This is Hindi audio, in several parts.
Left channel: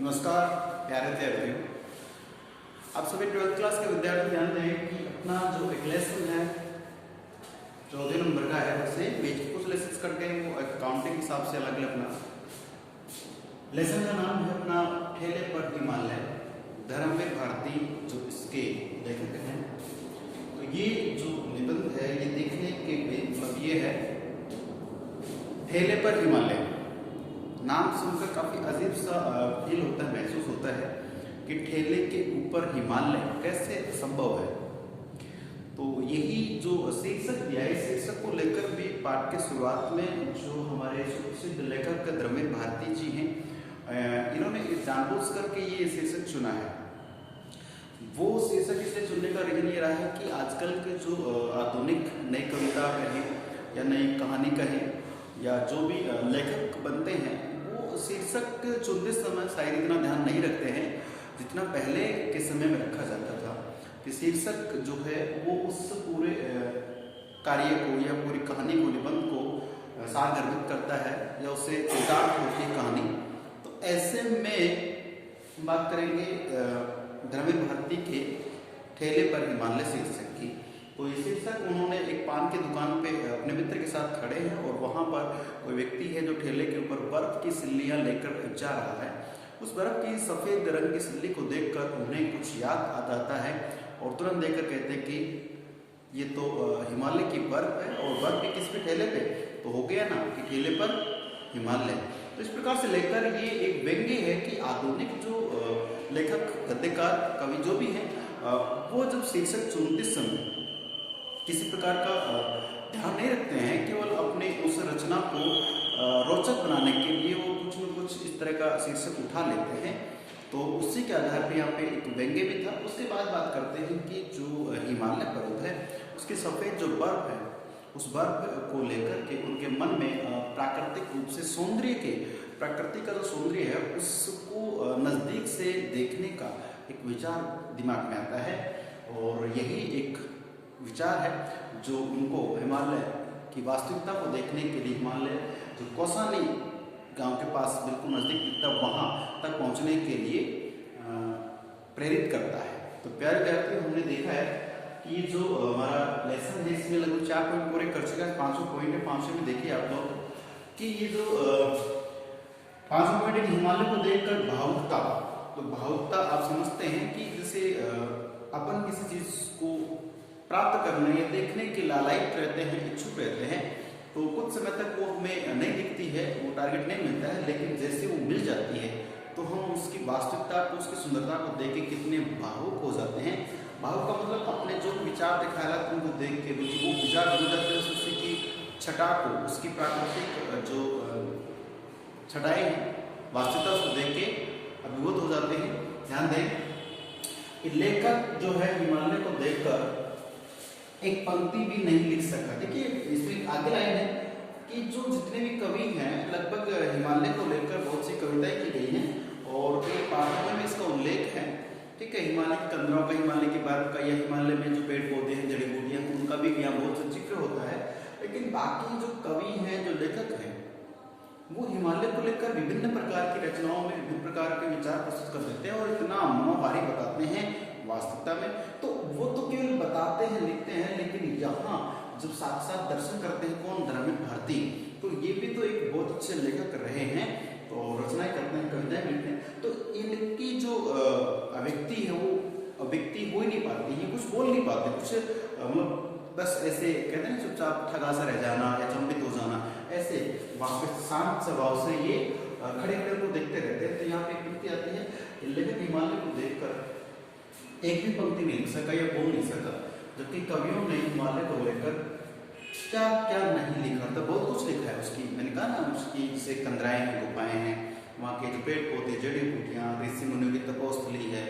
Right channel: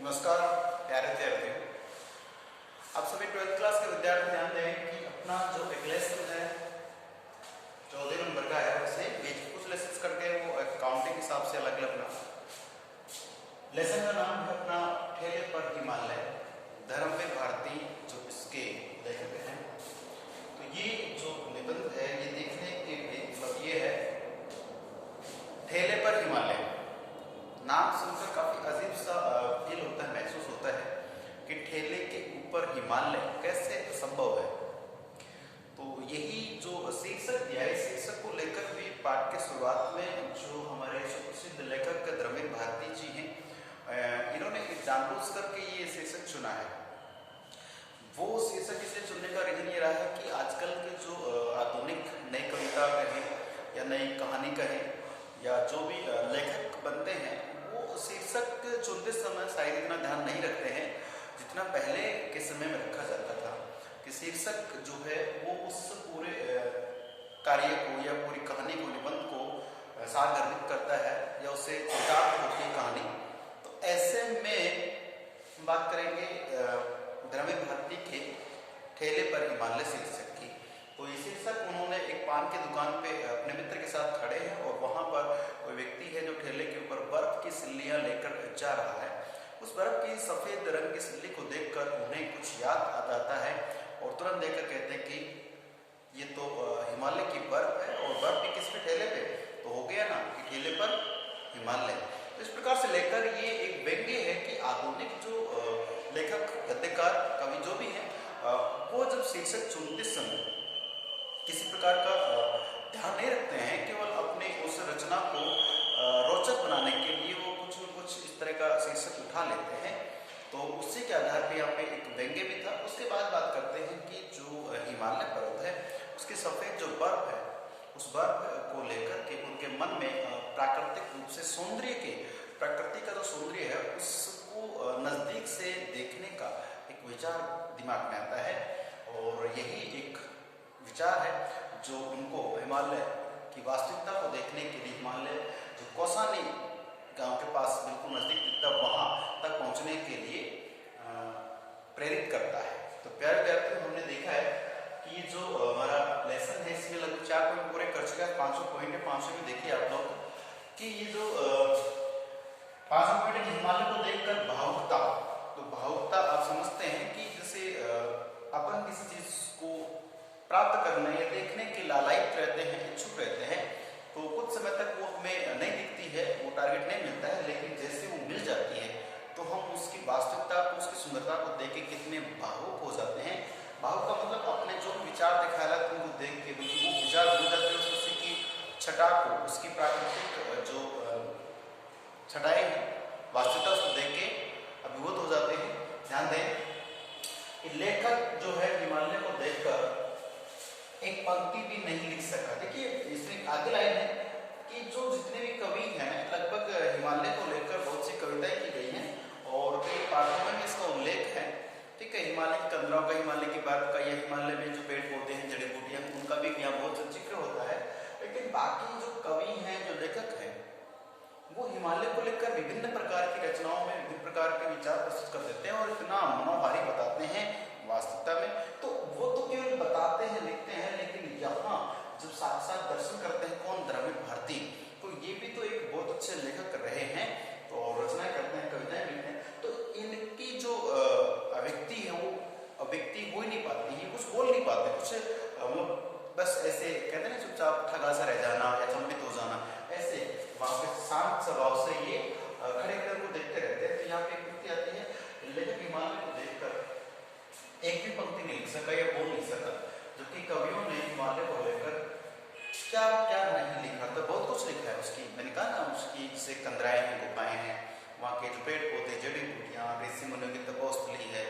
नमस्कार प्यारे विद्यार्थियों, आप सभी 12th क्लास के विद्यार्थी ध्यान दें कि अपना जो एक लेसन है 14 नंबर का है, उसे कुछ लेसन करके वो अकाउंटिंग के हिसाब से अलग अलग अपना लेसन का नाम है अपना ठेले पर हिमालय, धर्मवीर भारती जो इसके लेखक हैं। तो ये जो निबंध है ये देखने के मतलब ये है ठेले पर हिमालय। नाम सुनकर काफी अजीब सा फील होता है, महसूस होता है कि ठेले के ऊपर हिमालय कैसे संभव है। तो यही जो शीर्षक दिया है, शीर्षक को लेकर भी पाठ के शुरुआत में जो हमारे सुप्रसिद्ध लेखक धर्मवीर भारती जी हैं, इन्होंने जानबूझ करके ये शीर्षक चुना है। वो शीर्षक इसे चुनने का रीजन ये रहा है कि आजकल के जो आधुनिक नई कविता कहें या नई कहानी कहें या जो भी लेखक बनते हैं, वो शीर्षक चुनते समय शायद इतना ध्यान नहीं रखते हैं जितना पहले के समय में रखा जाता था कि शीर्षक जो है वो उस पूरे कार्य को या पूरी कहानी को, निबंध को सारगर्भित करता है या उससे चरितार्थ होती है कहानी। तो ऐसे में बात करेंगे धर्मवीर भारती के ठेले पर हिमालय शीर्षक की। तो ये शीर्षक उन्होंने एक पान की दुकान पे अपने मित्र के साथ खड़े हैं और वहां पर कोई व्यक्ति है जो ठेले के ऊपर बर्फ की सिल्लियां लेकर जा रहा है। उस बर्फ की सफेद रंग की सिल्ली को देखकर उन्हें कुछ याद आ जाता है और तुरंत देखकर कहते हैं कि ये तो हिमालय की बर्फ है और बर्फ भी किस पे, ठेले पे। तो हो गया ना कि ठेले पर हिमालय। तो इस प्रकार से लेकर ये एक व्यंग्य है कि आधुनिक जो लेखक, गद्यकार, कवि जो भी है, वो जब शीर्षक चुनते समय किसी प्रकार का ध्यान नहीं रखते हैं, केवल अपने उस रचना को रोचक बनाने के लिए वो कुछ न कुछ इस तरह का शीर्षक उठा लेते हैं। तो उसी के आधार पर यहाँ पे एक व्यंग्य भी था। उसके बाद बात करते हैं कि जो हिमालय पर्वत है उसकी सफेद जो बर्फ है, उस बर्फ को लेकर के उनके मन में प्राकृतिक रूप से सौंदर्य के, प्रकृति का जो सौंदर्य है उसको नजदीक से देखने का एक विचार दिमाग में आता है। और यही एक विचार है जो उनको हिमालय की वास्तविकता को देखने के लिए, हिमालय जो कौसानी गांव के पास बिल्कुल नजदीक दिखता, वहां तक पहुंचने के लिए प्रेरित करता है। तो प्यारे विद्यार्थियों, हमने देखा है कि ये जो हमारा लेसन है इसमें लगभग 4 पॉइंट पूरे कर चुका है। 5 पॉइंट है, 5 भी देखिए आप लोग कि ये जो 5 पॉइंट है, हिमालय को देखकर भावुकता। तो भावुकता आप समझते हैं कि जैसे अपन किसी चीज को प्राप्त करने या देखने के लालायित रहते हैं, इच्छुक रहते हैं, तो कुछ समय तक वो हमें नहीं दिखती है, वो टारगेट नहीं मिलता है, लेकिन जैसे वो मिल जाती है तो हम उसकी वास्तविकता को, उसकी सुंदरता को देख के कितने भावुक हो जाते हैं। भावुक का मतलब अपने जो विचार दिखाया उनको देख के बिल्कुल वो विचार हो जाते हैं, उसी की छटा को, उसकी प्राकृतिक जो छटाई वास्तविकता उसको देख के अभिभूत हो जाते हैं। ध्यान दें कि लेखक जो है हिमालय को देखकर एक पंक्ति भी नहीं लिख सका। देखिए इसमें आगे लाइन है कि जो जितने भी कवि हैं, लगभग हिमालय को लेकर बहुत सी कविताएं की गई हैं और कई पाठों में इसका उल्लेख है। ठीक है, हिमालय की तंद्राओं का, हिमालय की बर्फ का या हिमालय में जो पेड़ पौधे हैं, जड़ी बूटियां, उनका भी यहाँ बहुत जिक्र होता है। लेकिन बाकी जो कवि हैं, जो लेखक हैं, वो हिमालय को लेकर विभिन्न प्रकार की रचनाओं में विभिन्न प्रकार के विचार प्रस्तुत कर देते हैं और इतना मनोहारी बताते हैं वास्तविकता में। तो वो तो केवल बताते हैं, लिखते हैं, लेकिन यहाँ जब साक्षात दर्शन करते हैं कौन, धर्मवीर भारती, तो ये भी तो एक बहुत अच्छे लेखक रहे हैं, तो रचनाएं करते हैं, कविताएं लिखते हैं। तो इनकी जो अभिव्यक्ति है वो अभिव्यक्ति हो ही नहीं पाती है, कुछ बोल नहीं पाते, कुछ मतलब बस ऐसे कहते हैं चुपचाप ठगा सा रह जाना या चंबित हो जाना, ऐसे वहां पे शांत स्वभाव से ये खड़े खड़े को देखते रहते हैं। तो यहाँ पे एक व्यक्ति आती है, लेखक हिमालय को देखकर एक भी पंक्ति नहीं लिख सका या बोल नहीं सका, जबकि कवियों ने हिमालय को लेकर क्या क्या नहीं लिखा। तो बहुत कुछ लिखा है उसकी, मैंने कहा ना, उसकी जैसे कंदराएं हैं, गुफाएं हैं, वहाँ के जो पेड़ पौधे, जड़ी बूटियां, ऋषि मुनियों की तपोस्थली है,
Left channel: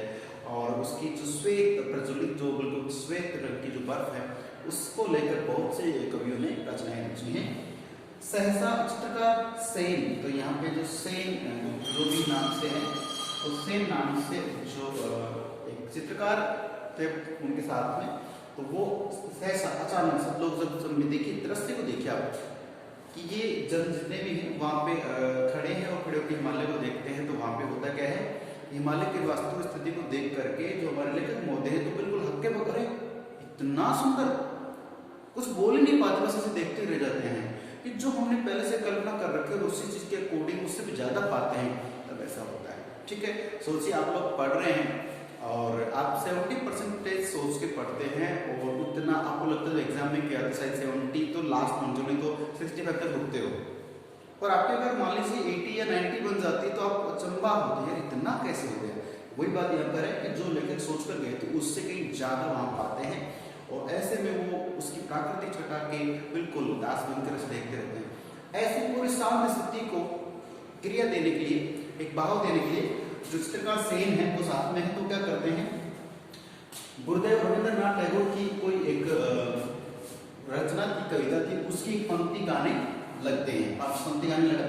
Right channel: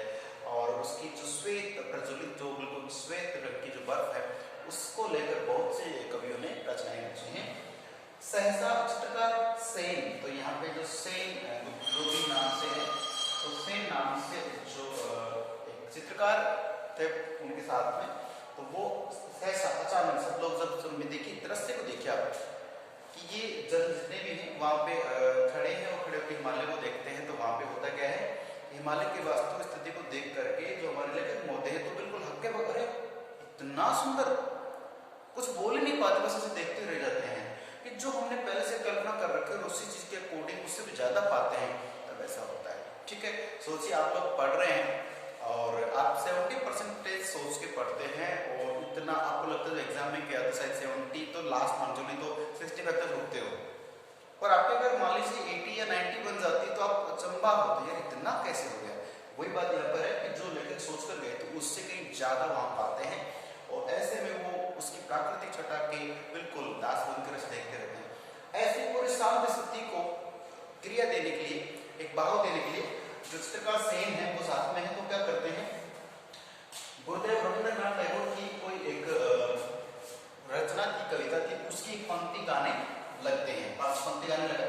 और उसकी जो श्वेत प्रज्वलित, जो बिल्कुल श्वेत रंग की जो बर्फ है, उसको लेकर बहुत से कवियों ने रचनाएं लिखी हैं। सहसा चित्रकार सेन, तो यहाँ पे जो सेन जो भी नाम से है, तो सेन नाम से जो चित्रकार थे उनके साथ में, तो वो सहसा अचानक सब लोग जब देखिए दृश्य को देखिए आप, कि ये जन जितने भी हैं वहाँ पे खड़े हैं और खड़े होकर हिमालय को देखते हैं, तो वहाँ पे होता क्या है, हिमालय की वास्तविक स्थिति को देख करके जो हमारे लेखक महोदय हैं तो बिल्कुल हक्के बकरे, इतना सुंदर, कुछ बोल ही नहीं पाते, बस ऐसे देखते रह जाते हैं कि जो हमने पहले से कल्पना कर रखी है और उसी चीज के अकॉर्डिंग उससे भी ज्यादा पाते हैं, तब ऐसा होता है। ठीक है, सोचिए आप लोग पढ़ रहे हैं और आप 70% सोच के पढ़ते हैं और इतना आपको लगता है एग्जाम में क्या था, शायद 70 तो लास्ट मंथ में तो 65 तक रुकते हो, और आपके अगर मान लीजिए 80 या 90 बन जाती है तो आप अचंबा होती है, इतना कैसे हो गया। वही बात यहाँ पर है कि जो लेखक सोच कर गए तो उससे कहीं ज्यादा वहां पाते हैं, और ऐसे में वो उसकी प्राकृतिक छटा के बिल्कुल दास बनकर देखते रहते हैं। ऐसी पूरी शांत स्थिति को क्रिया देने के लिए, एक भाव देने के लिए जो चित्रकार सेन है वो साथ में है, तो क्या करते हैं, गुरुदेव रविंद्रनाथ टैगोर की कोई एक रचना की कविता थी, उसकी पंक्ति गाने लगते हैं, 5 पंक्ति गाने लगा,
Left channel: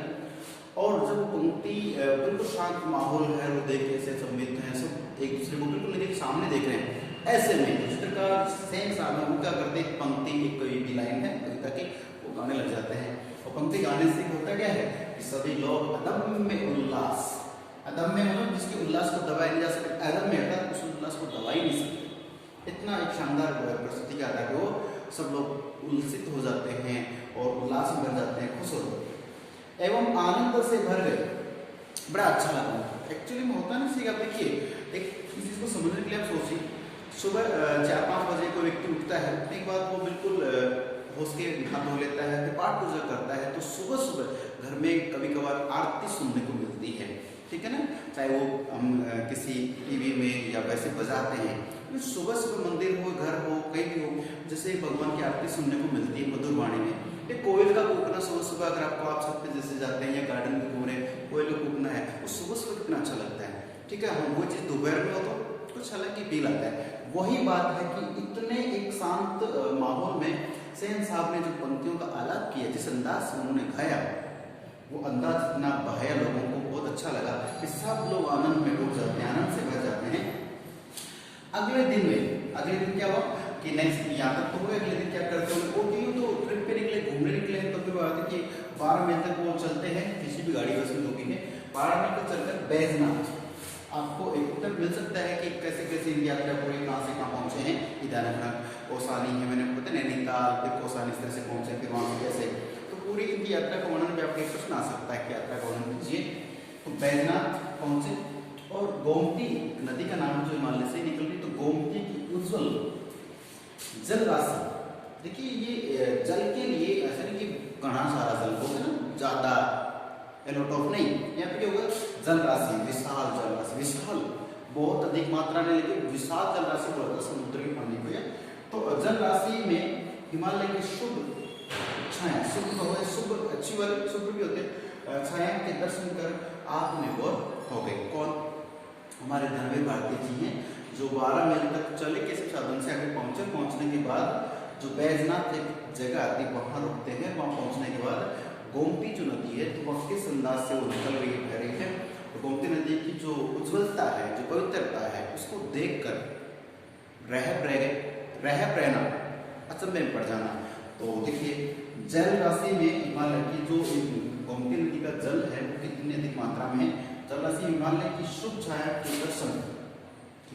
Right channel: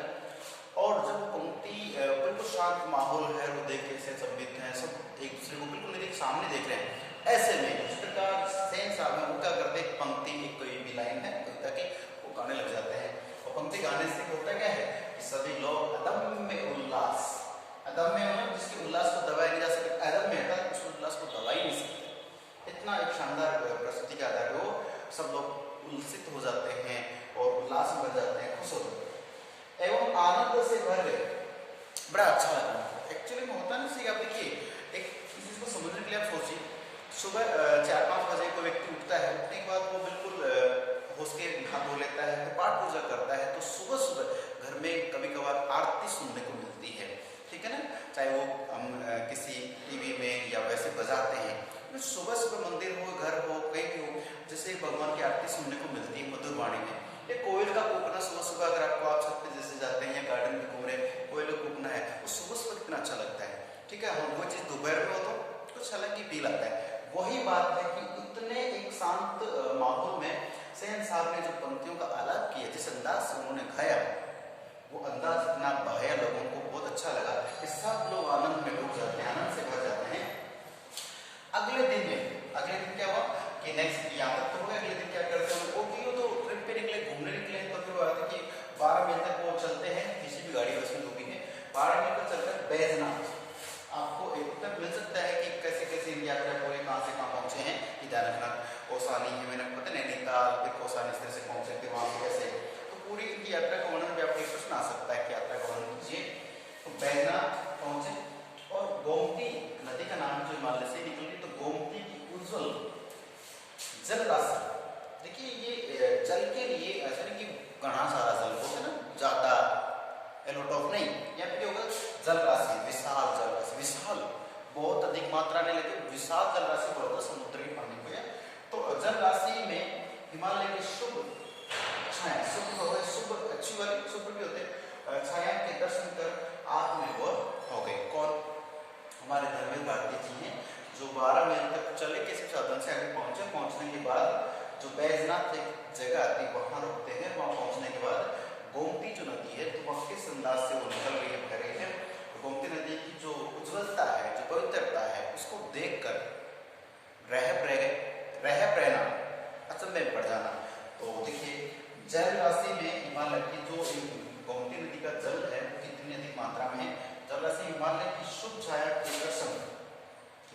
और जब पंक्ति बिल्कुल शांत माहौल है, वो देख कैसे सब मित्र हैं, सब एक दूसरे को बिल्कुल मेरे सामने देख रहे हैं, ऐसे में चित्रकार सेन साहब है वो क्या करते हैं, पंक्ति एक कोई लाइन है कविता की, वो गाने लग जाते हैं, और पंक्ति गाने से होता क्या है कि सभी लोग अदम्य उल्लास, अदम्य मतलब जिसकी उल्लास को दबाया नहीं जा सकता, अदम्य है उस उल्लास को दबा ही नहीं सकते, इतना एक शानदार प्रस्तुति का था कि वो सब लोग उल्लसित हो जाते हैं और उल्लास में बन जाते हैं, खुश हो जाते हैं एवं आनंद से भर गए। बड़ा अच्छा लगा एक्चुअली में होता ना, आप देखिए एक चीज को समझने के लिए आप सोचिए, सुबह 4-5 बजे कोई व्यक्ति उठता है, उठने के बाद वो बिल्कुल होश के हाथ धो लेता है, फिर पाठ पूजा करता है, तो सुबह सुबह घर में कभी कभार आरती सुनने को मिलती है, ठीक है ना, चाहे वो हम किसी टीवी में या वैसे बजाते हैं, सुबह सुबह मंदिर हो, घर हो, कहीं भी हो, जैसे भगवान की आरती सुनने को मिलती है मधुर वाणी में, एक कोयल का कूकना सुबह सुबह, अगर आपको आप छत पे जैसे जाते हैं गार्डन में घूम रहे, कोयल का कूकना है, वो सुबह सुबह कितना अच्छा लगता है। ठीक है, हम वो चीज दोपहर में हो तो कुछ अलग ही फील आता है। वही बात है कि इतने एक शांत माहौल में सेन साहब ने जो पंक्तियों का आलाप किया, जिस अंदाज से उन्होंने गाया, वो अंदाज इतना बहाया, लोगों को बहुत अच्छा लगा कि सब लोग आनंद में डूब जाते हैं, आनंद से भर जाते हैं। अगले दिन क्या हुआ कि नेक्स्ट यहाँ तक तो हुआ, अगले दिन क्या करते हैं, वो क्यों तो ट्रिप पे निकले, घूमने निकले हैं, तो फिर वो आते कि 12 मई तक वो चलते हैं, किसी भी गाड़ी बस में जो भी है, 12 मई तक चलकर बैजनाथ, आपको एक उत्तर मिल सकता है कि कैसे कैसे इंडिया यात्रा पूरे कहाँ से कहाँ पहुंचे हैं, ईटानगर, कौसानी, मैंने पता नैनीताल, फिर कौसानी, इस तरह से पहुंचे, फिर वहां से कैसे, तो पूरी इनकी यात्रा का वर्णन भी आपको एक प्रश्न आ सकता है कि यात्रा का वर्णन कीजिए। तो बैजनाथ पहुंचे और गोमती नदी का नाम जो हिमालय से निकली, तो गोमती की उज्जवल जल राशि, देखिए ये जल के लिए ऐसा नहीं कि घना सारा जल हो है ना, ज्यादा एलोट ऑफ नहीं, यहाँ पे होगा जल राशि, विशाल जल राशि, विशाल बहुत अधिक मात्रा में, लेकिन विशाल जल राशि बोलते हैं समुद्र के पानी को। तो जल राशि में हिमालय की शुभ छाया, शुभ अच्छी वाली शुभ भी होते हैं, छाया के दर्शन कर आत्मनिर्भर हो गए। कौन? हमारे धर्मेंद्र भारती जी हैं, जो 12 मील तक चले किसी साधन से आगे पहुंचे, पहुंचने के बाद जो बैजनाथ एक जगह आती है वहां रुकते हैं, वहां पहुंचने के बाद गोमती जो नदी है, तो वह किस अंदाज से वो निकल रही है, बह रही है, तो गोमती नदी की जो उज्ज्वलता है, जो पवित्रता है, उसको देखकर रह रहना अचंभे में पड़ जाना। तो देखिए जल राशि में हिमालय की जो गोमती नदी का जल है कितनी अधिक मात्रा में, जल राशि हिमालय की शुद्ध छाया के दर्शन,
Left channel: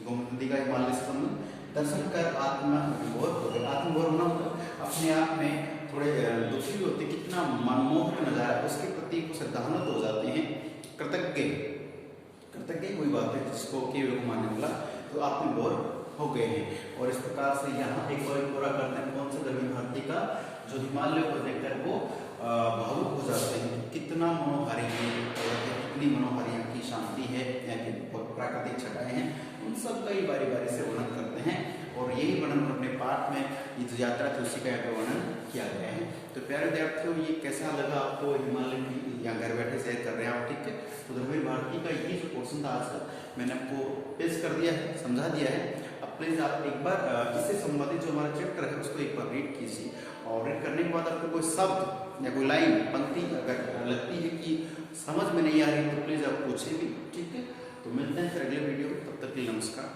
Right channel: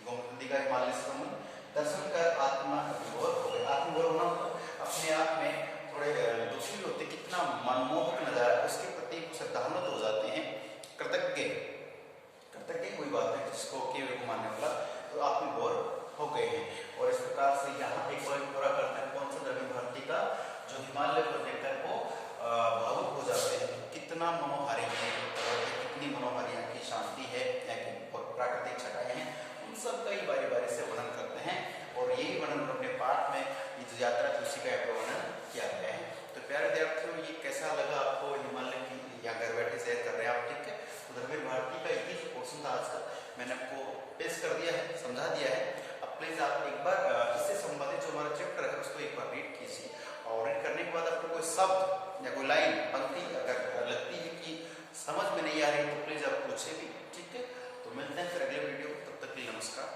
गोमती नदी का हिमालय से संबंध, दर्शन कर आत्मा विभोर हो गए। आत्मविभोर होना मतलब अपने आप में थोड़े दुखी होते, कितना मनमोहक नजारा, उसके प्रति श्रद्धान्वित हो जाते हैं, कृतज्ञ वही बात है जिसको केवल को मानने वाला, तो आत्मविभोर हो गए हैं। और इस प्रकार से यहाँ एक बार पूरा करते हैं कौन सा धर्मी भारती का, जो हिमालय को देखकर वो भावुक हो जाते हैं, कितना मनोहारी है, कितनी मनोहारी यहाँ की शांति है, यहाँ की प्राकृतिक छटाएं हैं, उन सब का ही बारी बारी से वर्णन करते हैं। और यही वर्णन अपने पाठ में ये जो यात्रा थी उसी का वर्णन किया गया है। तो प्यारे विद्यार्थियों, ये कैसा लगा आपको, हिमालय की यहाँ घर बैठे शेयर कर रहे हैं आप, ठीक है। तो धर्मेंद्र भारती का ये जो पोर्शन था आज का मैंने आपको पेश कर दिया है, समझा दिया है। अब प्लीज आप एक बार इससे संबंधित जो हमारा चैप्टर है उसको एक बार रीड कीजिए, और रीड करने के बाद आपको कोई शब्द या कोई लाइन पंक्ति अगर लगती है कि समझ में नहीं आ रही तो प्लीज आप पूछे भी, ठीक है। तो मिलते हैं फिर अगले वीडियो, तब तक के लिए नमस्कार।